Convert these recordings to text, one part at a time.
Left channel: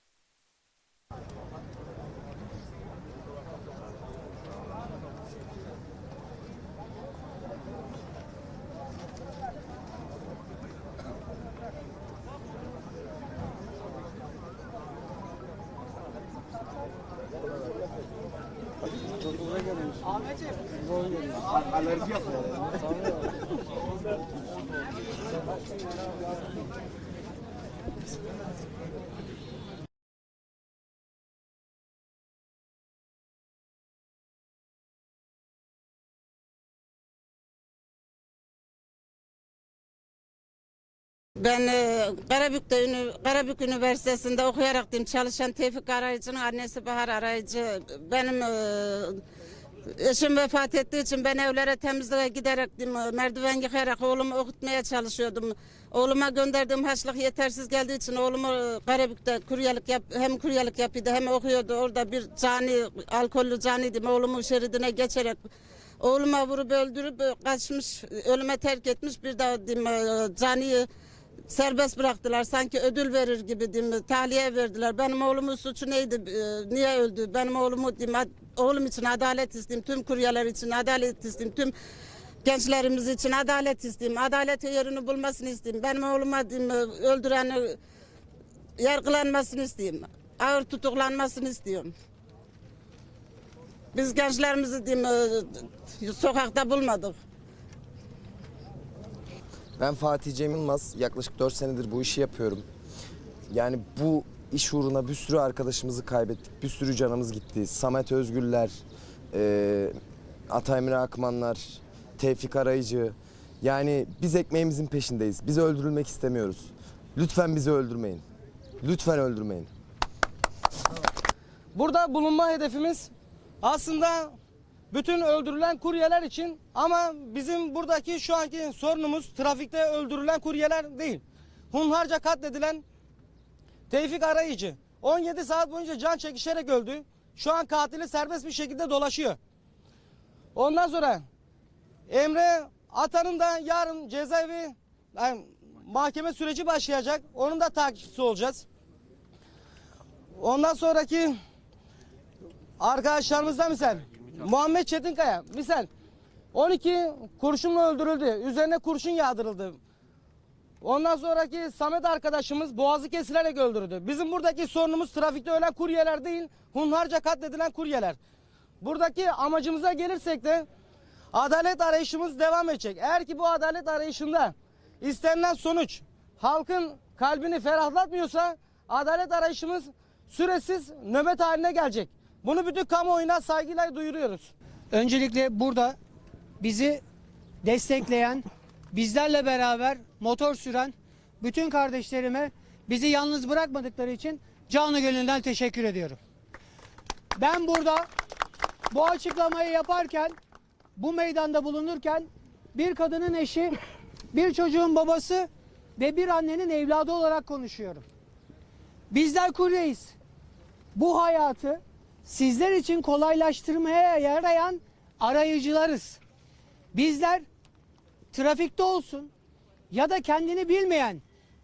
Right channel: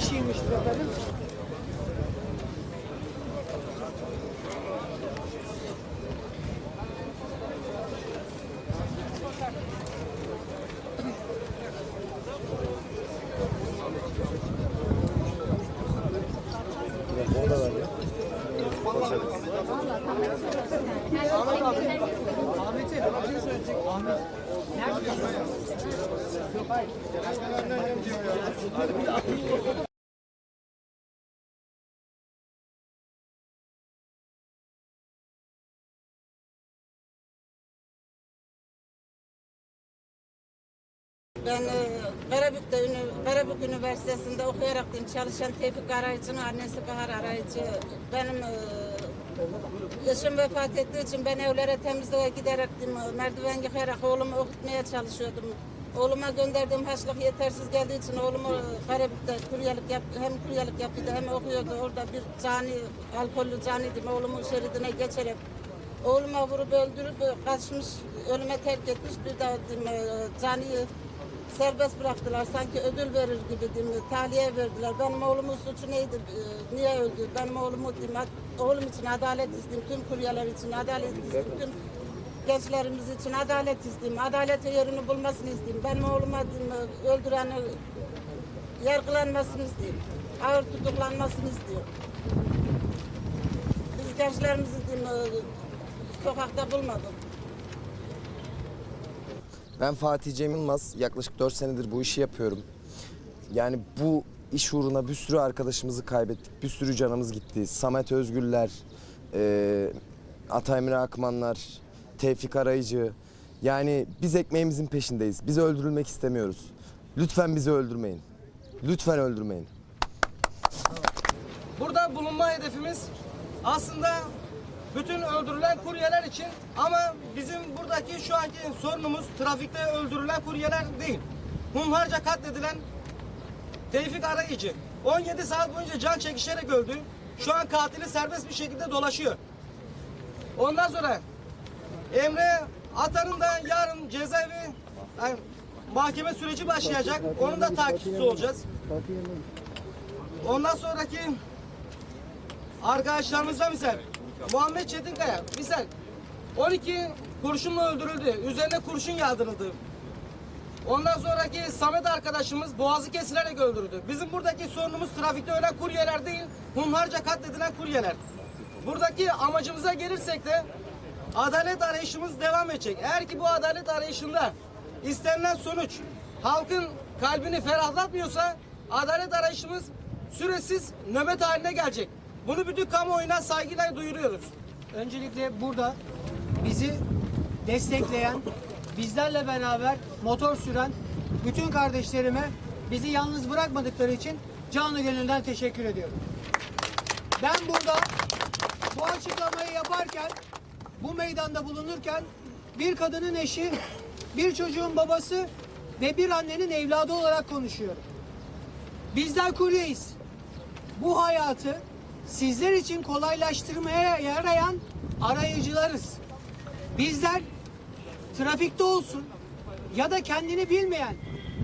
şeymiş be benim. Ben e, Karabük'te, Ünü- Karabük Üniversitesi'nde okuyarak çalışan Tevfik Arayıcı'nın annesi Bahar Arayıcı. Benim e, eşim vefat ettiği için ben evlere temizliğe giderek e, merdiven yıkayarak oğlumu okutmaya çalışıyordum. Oğluma gönderdiğim haçlık yetersiz geldiği için oğlumu e, Karabük'te kuryelik yap, hem kuryelik yapıyordu hem okuyordu. Orada bir cani, alkollü caniydim. Oğlumun şeridine geçerek oğluma vurup öldürüp e, kaçmış, ölüme terk etmiş. Bir diyeyim, e, caniyi serbest bıraktılar. Sanki ödül verir gibi diyeyim, tahliye verdiler. Benim oğlumun suçu neydi? Ee, Niye öldü? Benim oğlumu diyeyim, oğlum için adalet isteyeyim. Tüm kuryeler için adalet isteyeyim. Tüm gençlerimiz için adalet isteyeyim. Adalet yerini bulmasını isteyeyim. Benim oğluma diyeyim, öldüreni yargılanmasını isteyeyim. Ağır tutuklanmasını istiyorum. Biz gençlerimizi diyeyim, e, sokakta bulmadık. Ben Fatih Cem Yılmaz. Yaklaşık 4 senedir bu işi yapıyorum. Yani bu iş uğruna bir sürü arkadaşımızı kaybettik. Bir sürü canımız gitti. Samet Özgürler, e, Ataymir Akmanlar, Tevfik Arayıcı. Yani biz ekmeğimizin peşindeyiz. Biz öldürülmek istemiyoruz. Lütfen bizi öldürmeyin. Lütfen öldürmeyin. Burada bulunma hedefimiz aslında bütün öldürülen kuryeler için ama bizim buradaki şu anki sorunumuz trafikte öldürülen kuryeler değil. Hunharca katledilen Tevfik Arayıcı 17 saat boyunca can çekişerek öldü. Şu an katili serbest bir şekilde dolaşıyor. Ondan sonra Emre Atan'ın da yarın cezaevi yani mahkeme süreci başlayacak. Onun da takipçisi olacağız. Ondan sonraki arkadaşlarımızdan misal Muhammed Çetinkaya misal 12 kurşunla öldürüldü. Üzerine kurşun yağdırıldı. Ondan sonraki Samet arkadaşımız boğazı kesilerek öldürüldü. Bizim buradaki sorunumuz trafikte ölen kuryeler değil, hunharca katledilen kuryeler. Buradaki amacımıza gelirsek de adalet arayışımız devam edecek. Eğer ki bu adalet arayışında istenilen sonuç halkın kalbini ferahlatmıyorsa adalet arayışımız süresiz nöbet haline gelecek. Bunu bütün kamuoyuna saygıyla duyuruyoruz. Öncelikle burada bizi destekleyen, bizlerle beraber motor süren bütün kardeşlerime bizi yalnız bırakmadıkları için canı gönülden teşekkür ediyorum. Ben burada bu açıklamayı yaparken, bu meydanda bulunurken bir kadının eşi, bir çocuğun babası ve bir annenin evladı olarak konuşuyorum. Bizler kuryeyiz. Bu hayatı sizler için kolaylaştırmaya yarayan arayıcılarız. Bizler trafikte olsun ya da kendini bilmeyen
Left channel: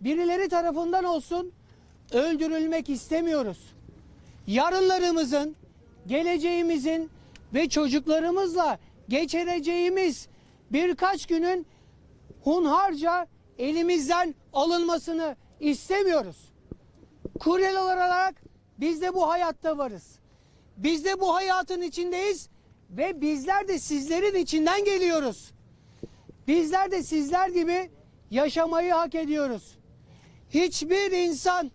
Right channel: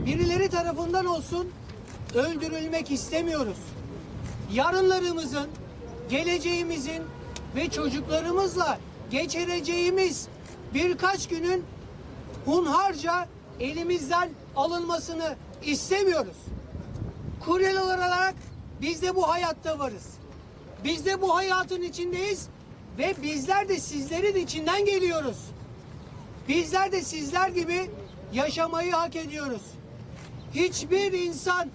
birileri tarafından olsun öldürülmek istemiyoruz. Yarınlarımızın, geleceğimizin ve çocuklarımızla geçireceğimiz birkaç günün hunharca elimizden alınmasını istemiyoruz. Kuryeler olarak biz de bu hayatta varız. Biz de bu hayatın içindeyiz ve bizler de sizlerin içinden geliyoruz. Bizler de sizler gibi yaşamayı hak ediyoruz. Hiçbir insan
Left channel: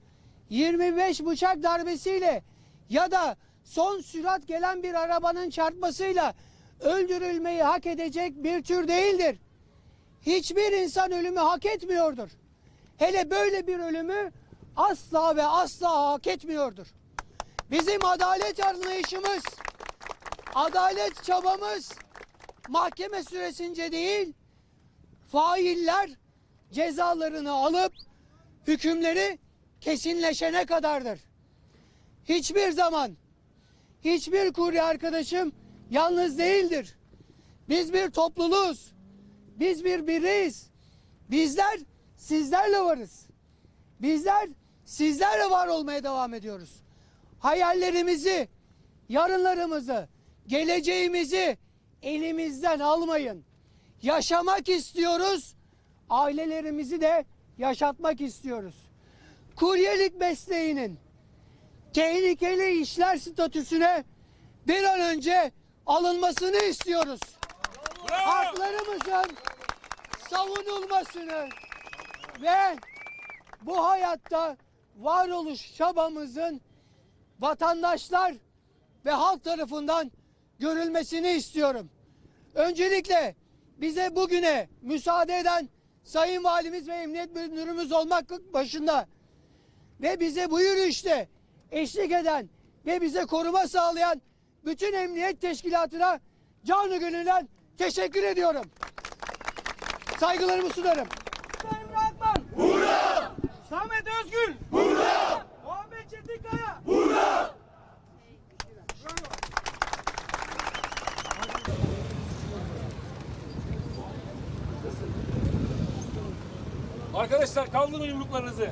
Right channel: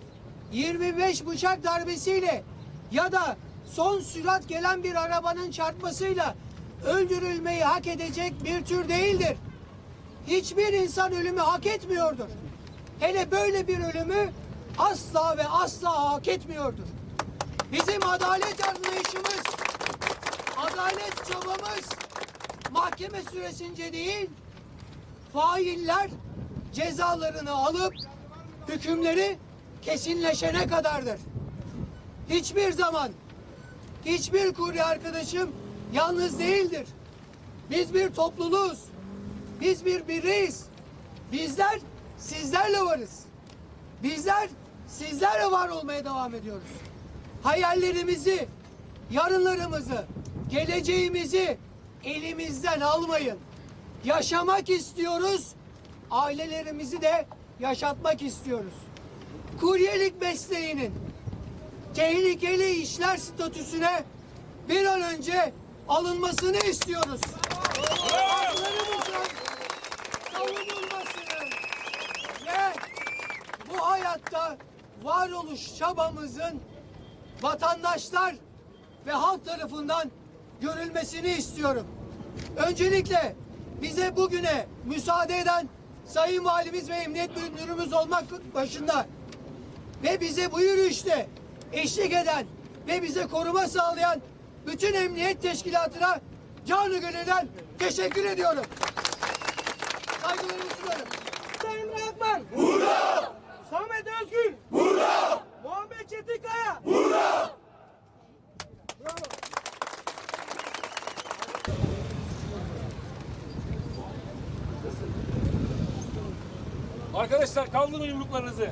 25 bıçak darbesiyle ya da son sürat gelen bir arabanın çarpmasıyla öldürülmeyi hak edecek bir tür değildir. Hiçbir insan ölümü hak etmiyordur. Hele böyle bir ölümü asla ve asla hak etmiyordur. Bizim adalet anlayışımız, adalet çabamız mahkeme süresince değil, failler cezalarını alıp hükümleri kesinleşene kadardır. Hiçbir zaman hiçbir kurye arkadaşım yalnız değildir. Biz bir topluluğuz. Biz bir bireyiz. Bizler sizlerle varız. Bizler sizlerle var olmaya devam ediyoruz. Hayallerimizi, yarınlarımızı, geleceğimizi elimizden almayın. Yaşamak istiyoruz. Ailelerimizi de yaşatmak istiyoruz. Kuryelik mesleğinin tehlikeli işler statüsüne bir an önce alınmasını istiyoruz. Haklarımızın savunulmasını ve bu hayatta varoluş çabamızın vatandaşlar ve halk tarafından görülmesini istiyorum. Öncelikle bize bugüne müsaade eden Sayın Valimiz ve Emniyet Müdürümüz olmak başında ve bize bu yürüyüşte eşlik eden ve bize koruma sağlayan bütün emniyet teşkilatına canı gönülden teşekkür ediyorum. Saygılarımı sunarım. Sayın Akman. Burada. Samet Özgül. Burada. Muhammed Çetinkaya. Arkadaşlar kaldırın yumruklarınızı.